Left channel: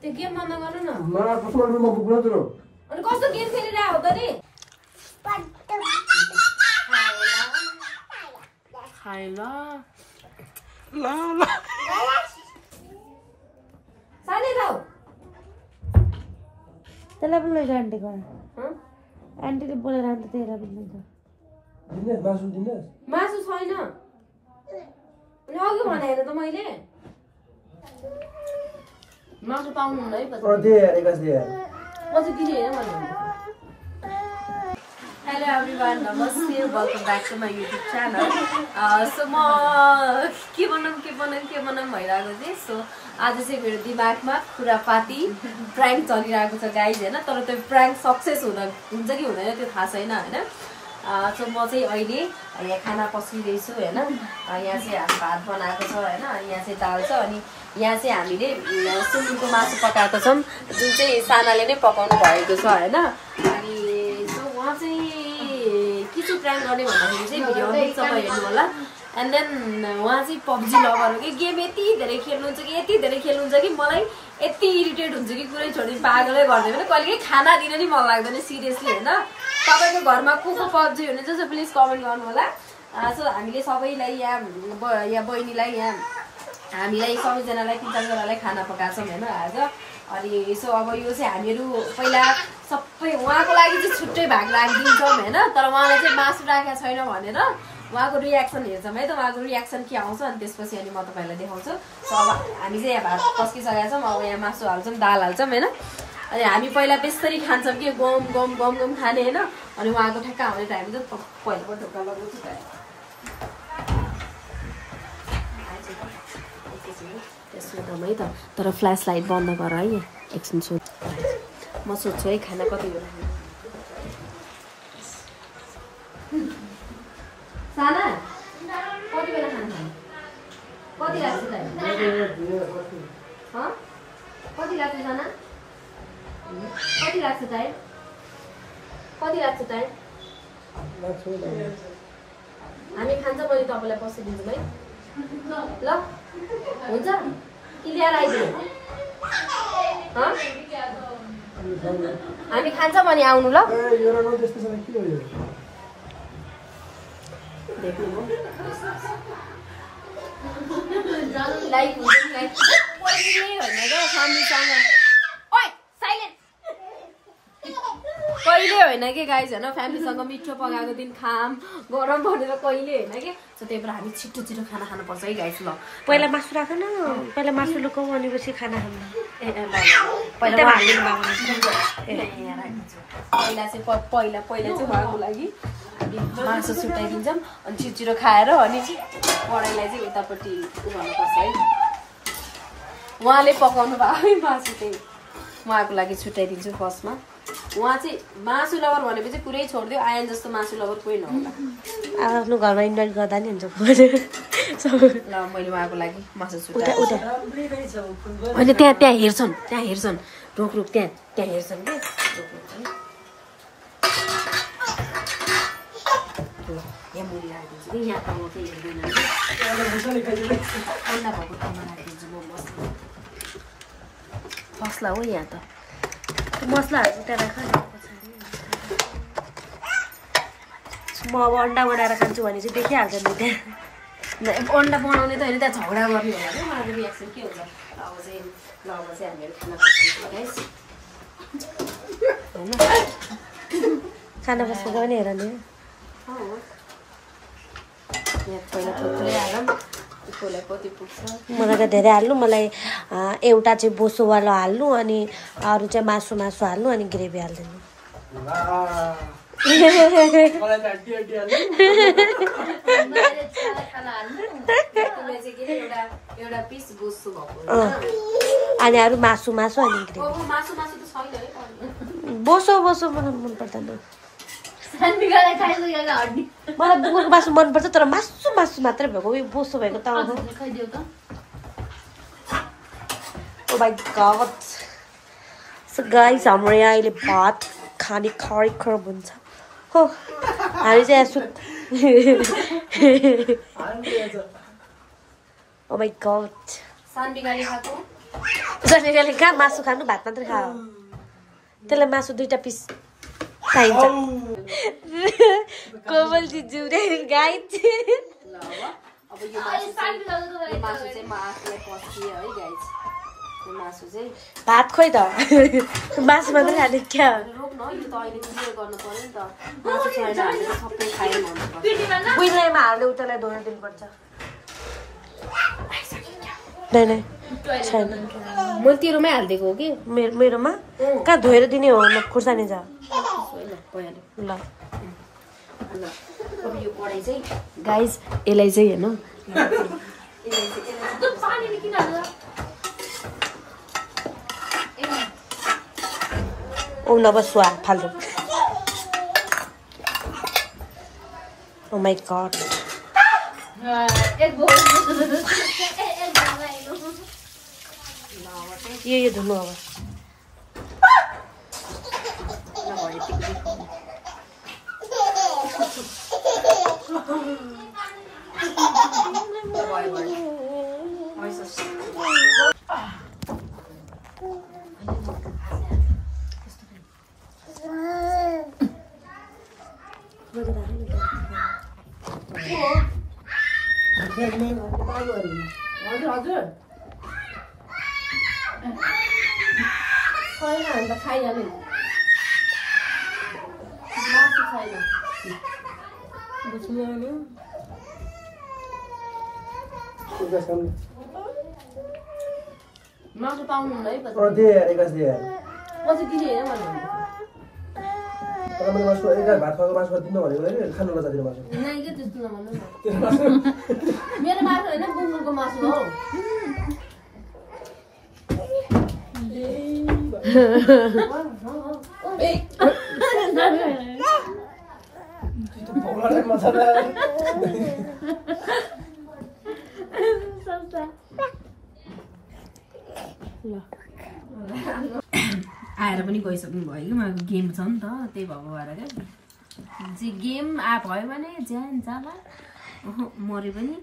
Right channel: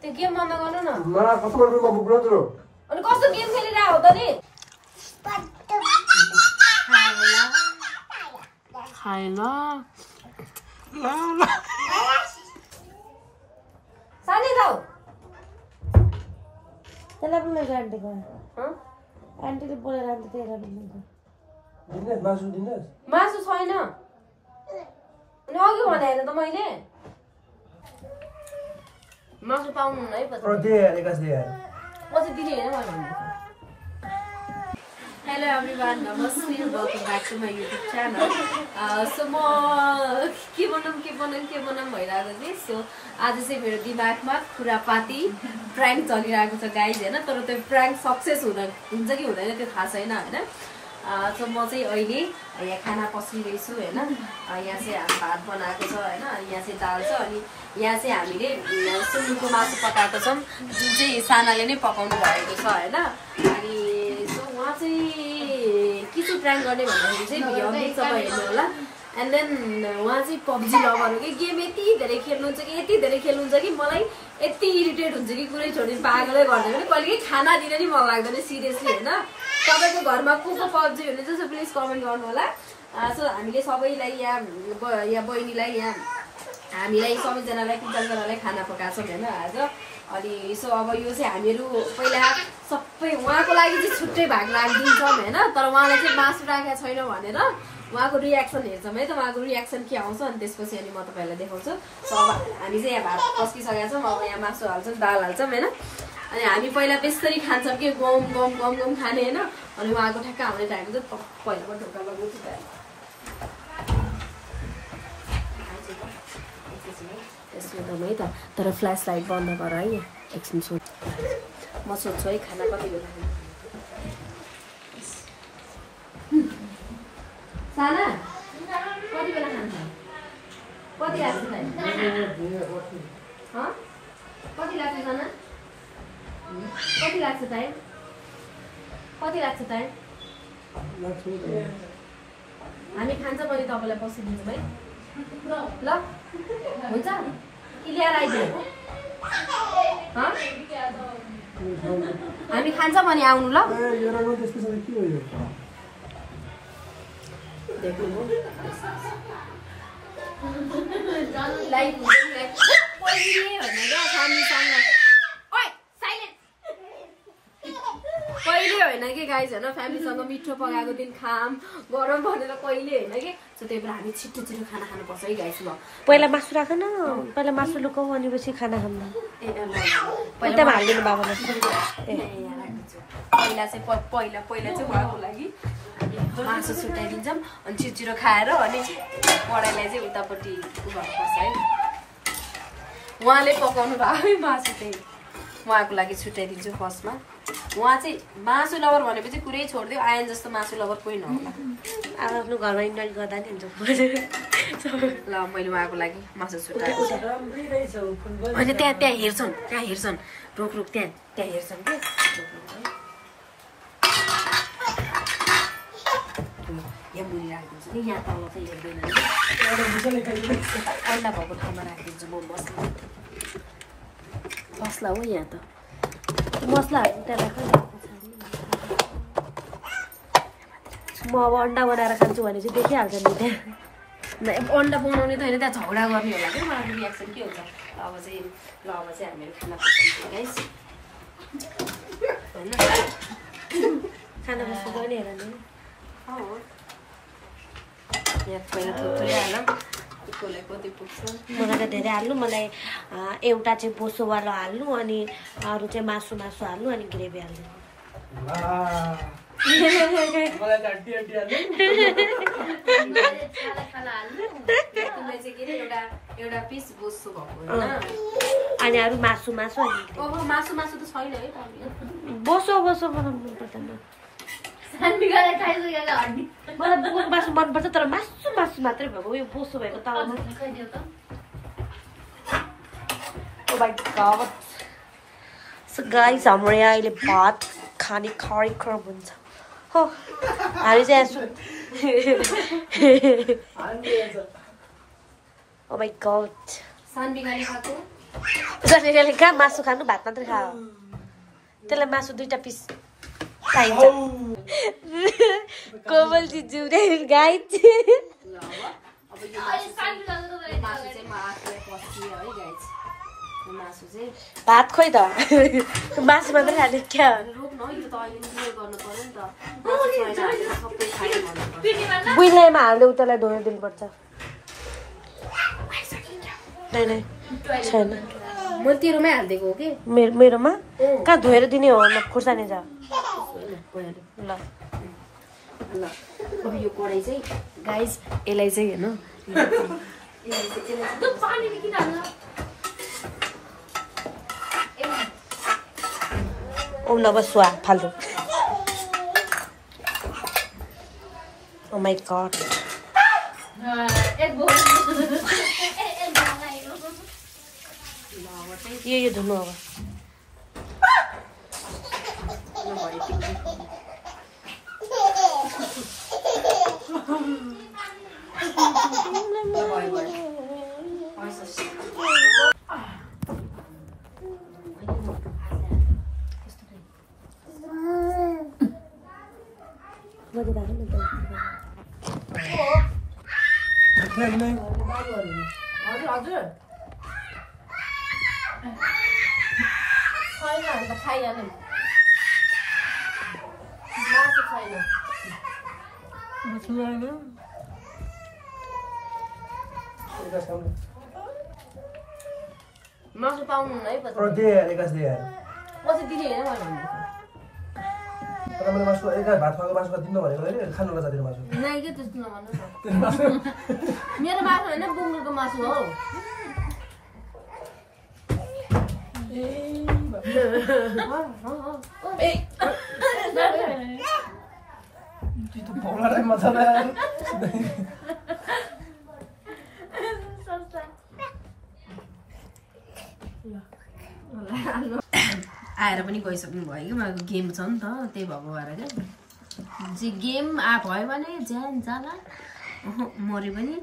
त्यो गेम बन्द गर्नु न मा कस्तो रुममा पुग्नु त अनि कस्तो गेम खेलिरहेको हो त नि खाएन ल सानी जाऊ त्यसलाई बोलाइज आन्टी गर्न आन्टीले बोलेर आन्टी त्यही दिन्छ दिनेश मासु दिनेश मासु छैन अनि अघि भने हैन त मैले मासु पाउनु हुन्न है पछि दे एकास दे पछि दिने हैन मैले Hello everyone, namaste, welcome back to my YouTube channel. So म के बनाऊँ भइरहेको थिएँ. So आज चाहिँ मेरो दिमागमा खुरापाती prank चलिरहेको छ गाइज हैन. तर त्यो prank सक्सेस हुन्छ कि हुँदैन त्यो थाहा छैन हैन. So म चाहिँ अहिले यहाँ खाना पस्किँदैछु हैन. यहाँ चाहिँ हामी भात बनाएको छ हैन. अनि यहाँ चाहिँ दाल छ अनि यहाँ चाहिँ हामीले सुँगुरको मासु पकाएको छौं जुन चाहिँ सानाले नै पकाउनु भएको छ हैन. अनि उहाँ चाहिँ के चाहिँ प्र्याङ्क गर्ने भन्दाखेरि चाहिँ भिडियो अन्तिमसम्म हेर्नु होला. एन्ड देन उहाँ चाहिँ पब्जी लभर हो कि गेम यति धेरै खेल्नुहुन्छ कि मलाई यति इरिटेट हुन्छ कि कुरै छोडिदिनु पागलै गर्दैन. कहिले खाना दिन नि मन लाग्दैन सिरियसली हैन. तपाईँको घरमा को पब्जी हुनुहुन्छ सो प्लिज कमेन्ट गर्नु होला. सो हामीले सबैलाई यहाँ बहिनीलाई यहाँ हामीलाई सबैजनालाई 3-4जनालाई खाना पकाएको छौँ हैन आज. अनि सो अब यो चाहिँ हामीहरू पहिला सबै उहाँको लागि चाहिँ छुट्टै भाग राखिदिन्छौँ हैन. तर उहाँलाई चाहिँ मासु राखेको छैन भनेर उहाँको रियाक्सन हेर्छौँ है त. उहाँको रियाक्सन के आउँछ अनि त्यसपछि अनि म तपाईँलाई देखाउँछु. सो अब हामी चाहिँ यहाँ भात पस्किसकेका छौँ. अब यहाँ मासु हाल्छौँ दाल हाल्छौँ हैन. अनि हामी पहिला बेस्तरी खान्छौँ कि गम खाने हैन. अनि उहाँको ठ्याक्क आउने टाइम चाहिँ पहिलाको ढोका लगाउँछु त्यसो है त. तर फ्ल्यास लाइट बन्द गर है. एकछिन सोच म सोध्छु है खाना कति बेला साना कति बेला खान्छ कति लाग्छ टाइम कति लाग्छ साना कति लाग्छ टाइम हामी खान्छ पनि तपाईँलाई बसिदिन्छौँ है ल हुन्छ कि ल्याएर आइदिनु हामी खान्छ भने आउनु ल. देख्नु लाइक कहिले होइन कि गाइज होइन. फ्यामिलीसँग मिठो पकाएको दिन खाम गरम भनेर कहिले होइन कि. सो त्यही भएर हामी छिटो खाना खानुपर्छ है गाइज. ल पहिला मासु राख न. पहिला मासु लुकाउ अनि पछि खाना खानु. पहिला हालिदिनु भएको पहिला चाहिँ उहाँको लागि मासु छुट्याइदिन्छौँ अनि छिटो खाएर अनि पढाइलाई चाहिँ उतापट्टि गर्नुपर्छ है. उहाँले पकाउनु भएको है मासु चाहिँ उहाँको लागि छुट्याइदिन्छु फर्स्टमा. उहाँ चाहिँ मासु लभर भनेपछि पुरै छोडिदियो. आयन जस्तो मासु लभर कोही नहोला. आफ्नो घरमा इन्भेस्ट गर्दा नि हुन्छ. ल मैले उहाँको लागि मासु छुट्याएँ. होइन त्यहाँ हेर्छन् रोक त्यहाँ हेर्छन् कि यहाँ मुली राखिदिन्छु कि यहाँ तल चाहिँ हेर्दैन. अन्डा भएको ठाउँमा राखिदिन्छु म मसला हो यहाँ त मसलाहरू त्यहाँ राख न पछाडि. म अब अन्डा बनाएर खान्छु भने चाहिँ देखिहाल्छ नि त्यहाँ. अन्डा बनाउने त होइन त्यहाँ झगडा गर्ने होला कि उहाँको रियाक्सन के हुन्छ. अब चाहिँ हामीहरू खाना पकाउँछौँ गाइस होइन. खाना बसेको पनि हेर नि. यहाँ पहिला थोरै हालौँ कसलाई कति पुग्छ. मलाई त धेरै हाल्नु. मलाई एउटा चाहिँ बोसोवाला हाल्नु अनि अरू चाहिँ मासु हाल्नु अनि ग्रेभी हालिदिनु. अनि अरू मासु अनि बोसो मलाई मन पर्दैन. मलाई बुकुको मासु मनपर्छ तर मासु मात्रै भएको यो बोसो भएको त अब. Oh my god. So guys हाम्रो यहाँ अहिले भात खाने कार्यक्रम हुन्छ हो. हामी चाहिँ ओ माय गॉड. सानबिगारी खाएको जसले कहाँ मासु खानु भात मात्रै खा त्यसलाई मासु 2टा पिस चाहिन्छ कोमलजी जुरे गाइस अब यो मासु चाहिँ म आफूलाई पस्दिए है गाइस यो मासु चाहिँ भात खोइ त मासु मात्रै खाने क्या रोक्न यो त अहिले क्लियर गर्नु पर्यो नि त मासु छैन हामीले सबै खायौँ भन्नुपर्छ बुइलामा हाल्दै उतालाई धोन दिनुपर्छ नै छैन मैले तेरोमै हालिदिएको हो कि मेरोमा कहाँ धोएर दिने हो खुर्सानी जा ल अब यो कराई चाहिँ गाइस यसलाई चाहिँ हेर्नु ओ नबस्वा फाल्टु ओ माय गॉड यो धुनु अब हजुर छैन अन्त खाइहाल्नु मासु छैन मासु पाउनु हुन्न है पछि दिदी होइन तपाईले मासु एका भात खाएको मासु दिनु भनेको हैन खानु पर्छ त्यो मासु नै के त्यस्तो नभन्नु न मेरो मासु होइन बुङ्गुलको मासु हो आएर पनि गइसक्नु भयो कि मलाई गेम छ नि त त्यही भएको भएर क्या जे गेम भयो भने ज्यान जाला मरे पनि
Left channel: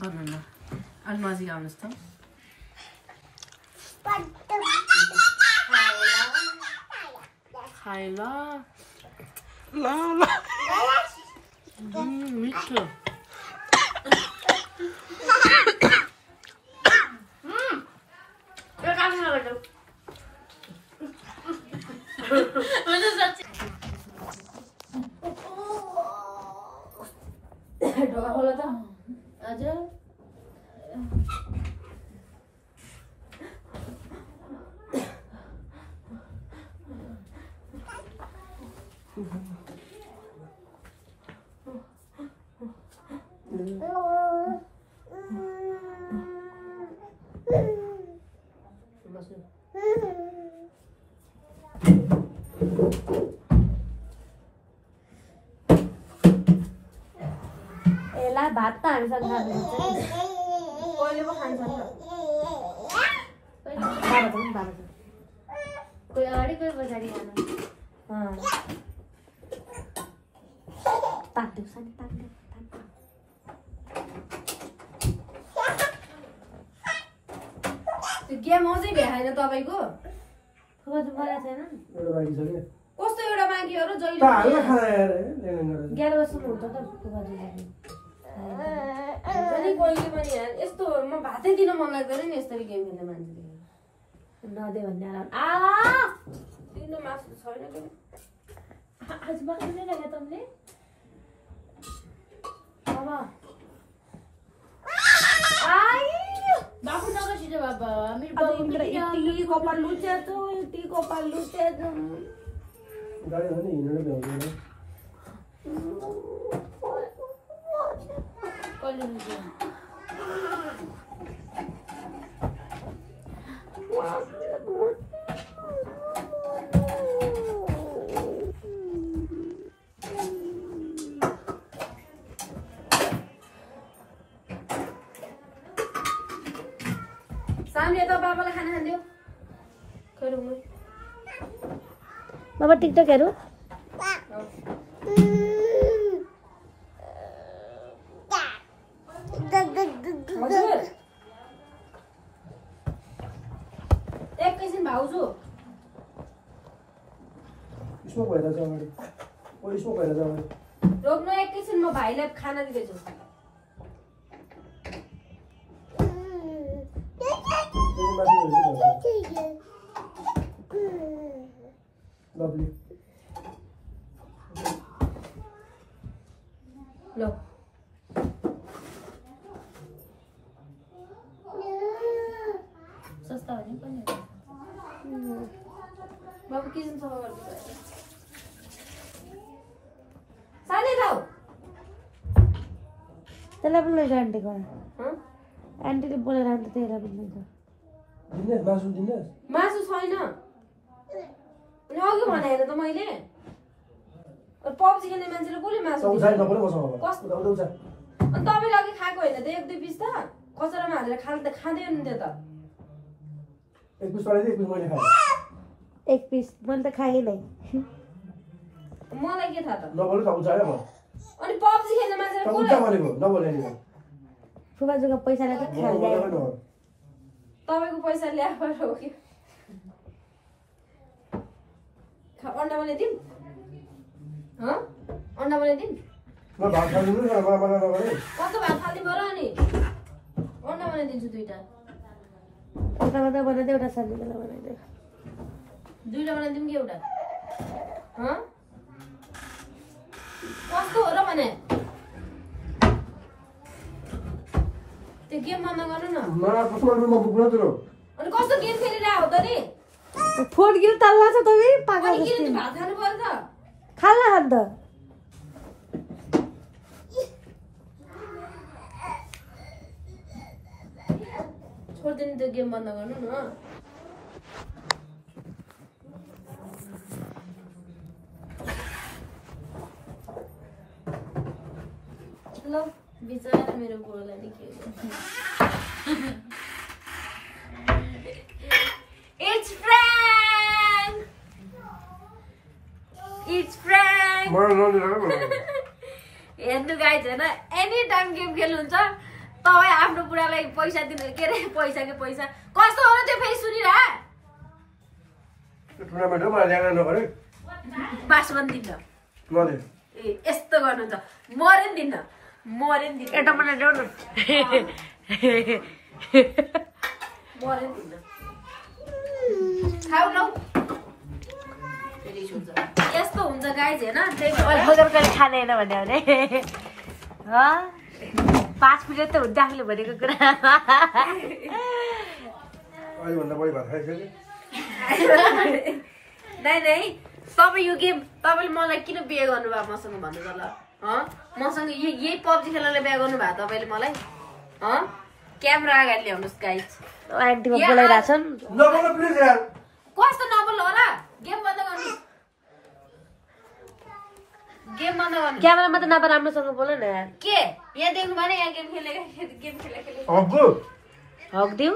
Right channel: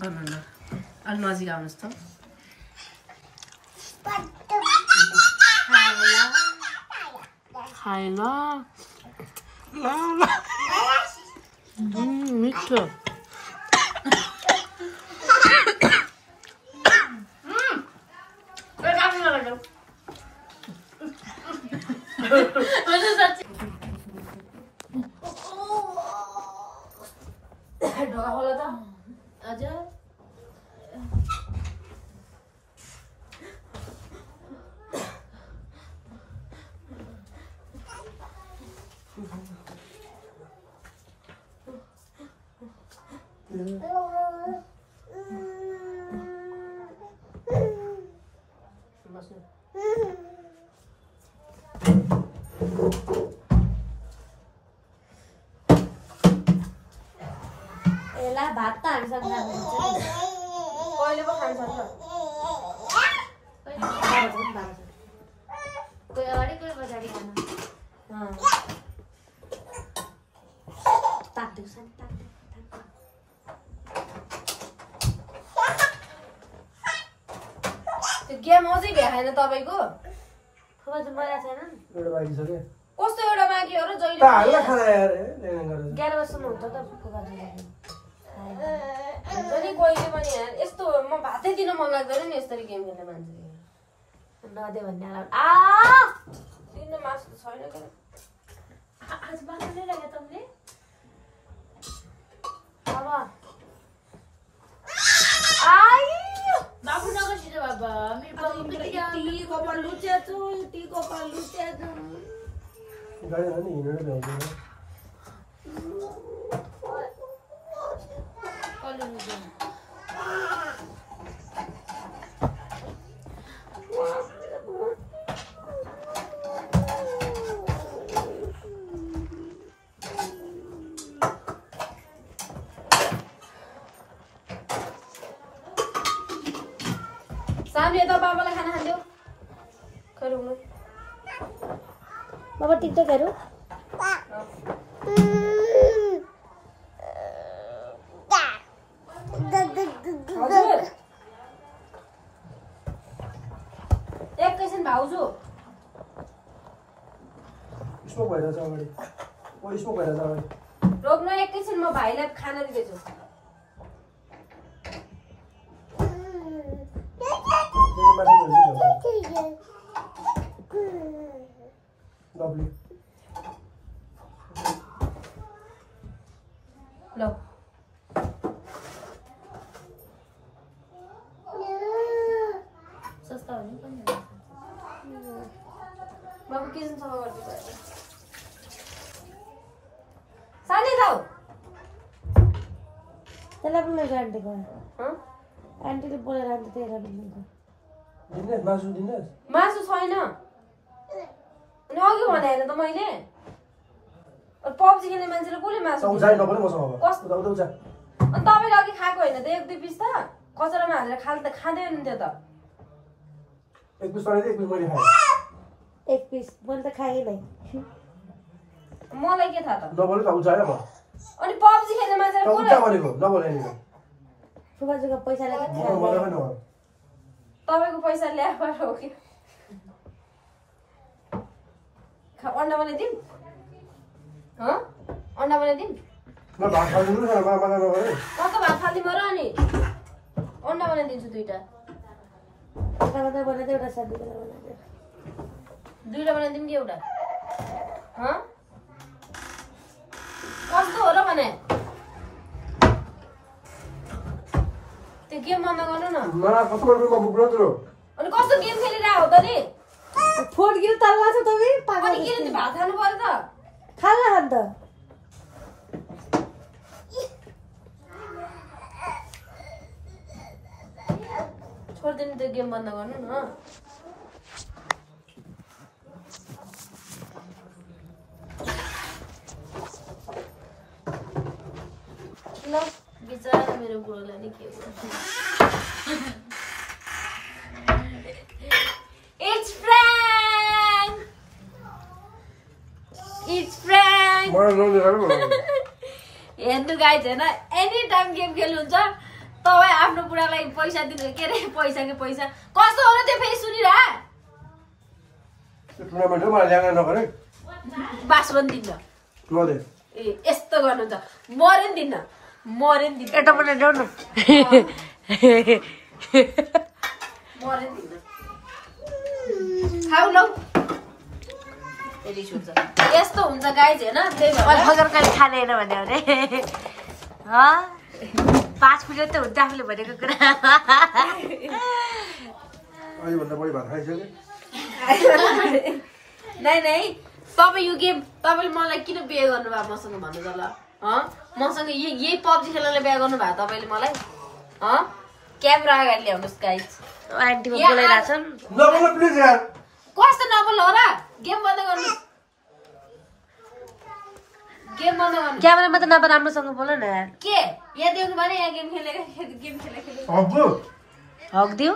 गर्नु न अलि नजिक आउनुहोस् त खाएन मिठो ढोका खोलो त हजुर भात त हामीसँग कहिले पो खान्छ कोही अगाडि कोही पछाडि खानु तात्देऊ साथी तात्देऊ त्यो गेम अझै भ्याएन तपाईँको कस्तो एउटा बाँकी हो र जहिले पनि कहिले पनि यस्तो म भातै दिन मन लाग्दैन नि यसरी गेम खेल्ने मान्छे नदे भन्ने दिन मासु छैन आज बाख्रै राख्यो तँले अब बाबु नगर छिटो बाबा मेरो बाबु यति कपाल लुच्याछ यति कपाल लुच्याछ गाडी हो नि हिँडेर ल्याउँदैन सामने त बाबालाई खाना खान्थ्यौ खै रुम बाबा टिकटक हेरौ एकैछिन भाउजू स्मोक भइरहेछ अगाडि ओ स्मोक भइरहेछ अगाडि रोक्नु एकैछिन म भाइलाई खाना दिँदैछु लभली ल सस्ता हो नि पनि बाबु किचन सफा गर्नु सानी दाउ त्यसलाई बोलाएर आन्टी गएर हँ आन्टीले बोलाएर आन्टी त्यही दिनेश मासु दिनेश मासु छैन अनि अघि भने होइन त मैले पब्जी खेल्ने मान्छेले कसले मासु उजा नपरे मसँग कस्तो उदा उजा अनि तपाईँले अघि खाएको होइन त 1-2 पिस त कचरामा हालेर खाँदै हुनुहुन्थ्यो त एक पिस पारे एक पिस मैले खाएँ एक पिस मैले त खाएँ नै मलाई के थाहा त नबोले त उजायो म अनि पब्जी खेल्ने मान्छेले उजा कसले भनेको नबोले नि फुबाजुको पैसाले त म मलाई न तपाईँको पैसा ल्याएर हो कि अन्डा बनाइदिउँ हँ अन्डा बनाइदिउँ म भात खानु पनि खाना मलाई नगरे कस्तो भात फालिदिउँ र अनि अन्डा बनाइदिन्छु 2टा एउटा बनाइदियो एउटा सानो बनाइदियो 2टा बनाइदिउँ कि एउटा हँ कस्तो हो र भने त्यो गेम बन्द गर्नु न म कस्तो गर्नु म बुक्नु तिरो अनि कस्तो गेम खेलिरहेको हो त नि फोन किन तल्ला छ तिमी अनि पागल किन चाहिँ भात खानु पर्यो त खाल्ला खान्छ छोडिदिनु त्यो गेम बन्द गर्नु न ल बिचारा मेरो बुढोलाई के इट्स फ्र्याङ्क हेर्नु गाइज होइन एनी टाइम गेम खेल्नुहुन्छ तपाईँ आफ्नो बुढालाई पैसा दिनु के अरे पैसा कस्तो हो र त्यो फेरि सुनिरह टुर्नामेन्ट हो मलाई ल्याएर नगरे बास पनि दिन्न नदे ए यस्तो गर्नुहुन्छ मरे नि दिन्न एउटा बनाइदेऊ न मरे नि दिन्न खाऊ लौ रिस हुन्छ यस्तो हुन्छ गाइज होइन त्यही भएर भगर कहिले खाने होइन भने 5 मिनट त हुन्छ आफूले भनेको कुरा अहिलेभन्दा बढी भात खाइसक्यो नै तपाईँ यो गेम तपाईँले मलाई किन बिहे गर्नुभयो मसँग भन्नु त ल मसँग यही पब्जी खेल्नलाई बिहे गर्नुभयो तपाईँले मलाई क्यामेरा अगाडि ल्याउनुहोस् गाइज आन्टीमा बोलाइरहेको छन् नबोल प्लिज यार कस्तो नबोल हो र गेम बन्द गर्नु क्यामेरामा त नभए राम्रोसँग बोल न यार के यहाँ देख्नु भने यहाँ गेम खेलेको हब्बु हक दिउ